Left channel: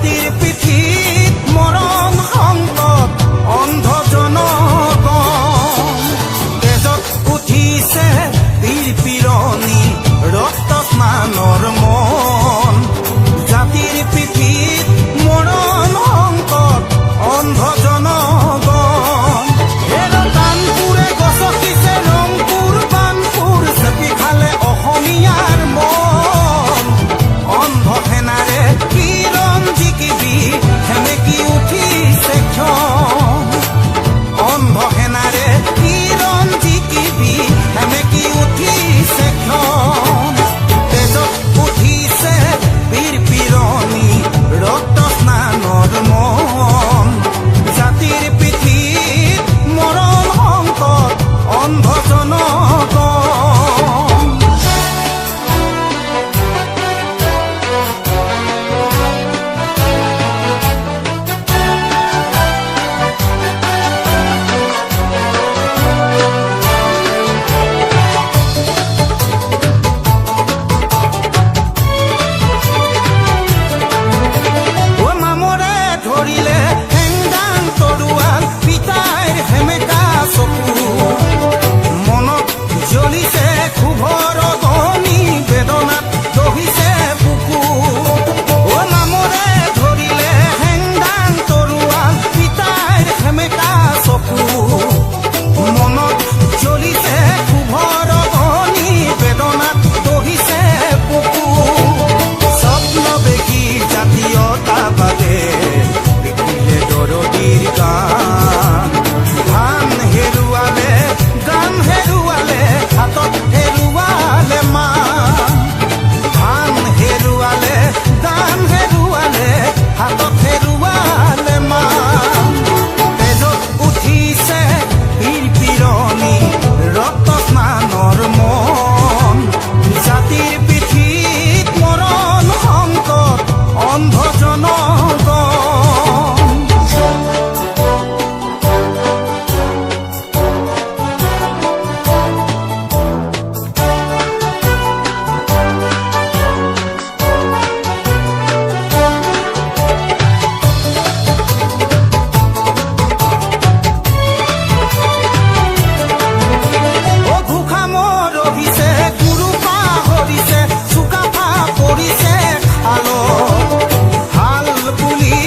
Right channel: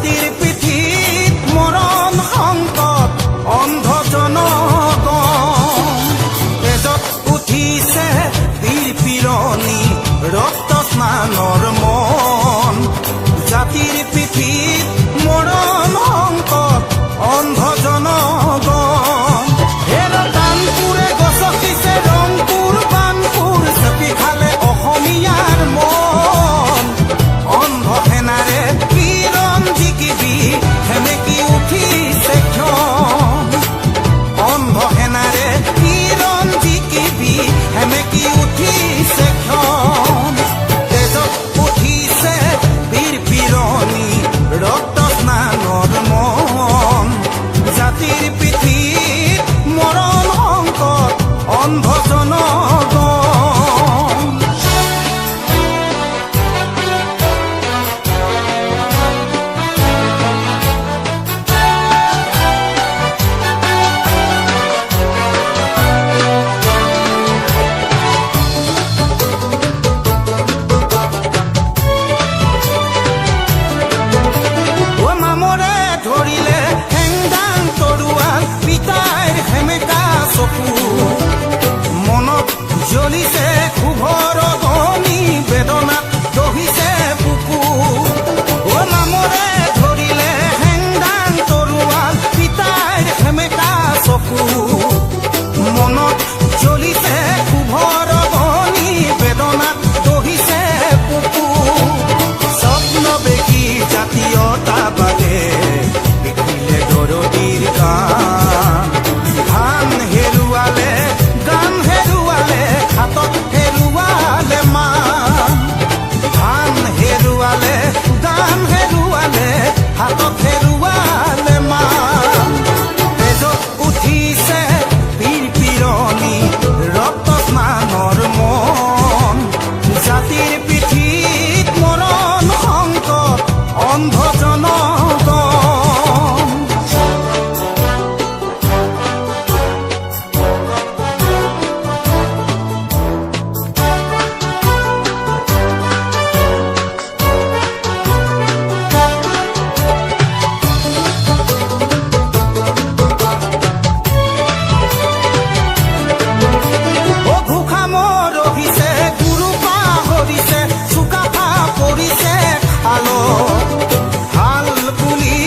জাতিৰ পিঠিত মৰণ সংকট অন্ধ জনগণ তেজত উঠিছে বীৰ পিৰণি ৰক্ত স্নানৰ মন জাতিৰ পিঠিত মৰণ সংকট অন্ধ জনগণ হেৰ কাণপুৰে গছকিছে ৰংপুৰ বানপুৰ চেপি খালে অসমীয়াৰ মন অন্ধ সেনাৰে কিৰণ জিকিবি সেমেকি উঠিছে ক্ষণ অন্ধ সেনাৰে কিৰণ জিকিবি সেমেকি উঠিছে ক্ষণ তেজত উঠিছে বীৰ পিৰণি ৰক্ত স্নানৰ মন জাতিৰ পিঠিত মৰণ সংকট অন্ধ জনগণ ধৰিলে হেংদাং তৰোৱাল পিতাইৰ সেমেকা চকু মনত জ্বলিছে ক্ষোভৰ অগ্নি বেদনাত দহিছে বুকু অ নামৰে ধৰিলে হেংদাং তৰোৱাল পিতাইৰ সেমেকা চকু মনত জ্বলিছে ক্ষোভৰ অগ্নি বেদনাত দহিছে বুকু স্বপ্ন দেখি জাতীয়তাবাদে লিখিলে দৰদীৰ গান ধান হেৰুৱালে গান হেৰুৱালে হাতত হেৰুৱালে মান ধান হেৰুৱালে গান হেৰুৱালে হাতত হেৰুৱালে মান তেজত উঠিছে বীৰ পিৰণি ৰক্ত স্নানৰ মন জাতিৰ পিঠিত মৰণ সংকট অন্ধ জনগণ পৰিছে খালত হাল বুলি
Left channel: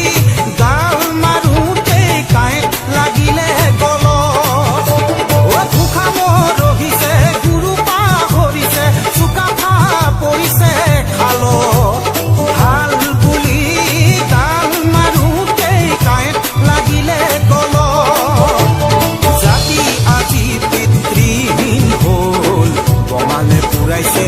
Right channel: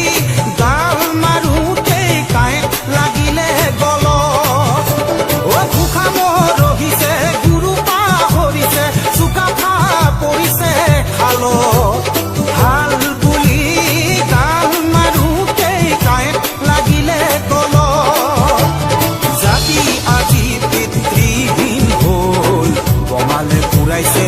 গাল মাৰোঁতেই কাঁইট লাগিলে গলত অ ঘোষা মৰহিছে গুৰু পাহৰিছে চুকাফা পৰিছে খালত হাল বুলি গাল মাৰোঁতেই কাঁইট লাগিলে গলত জাতি আজি পিতৃহীন হ'ল বঙালে পুৰাইছে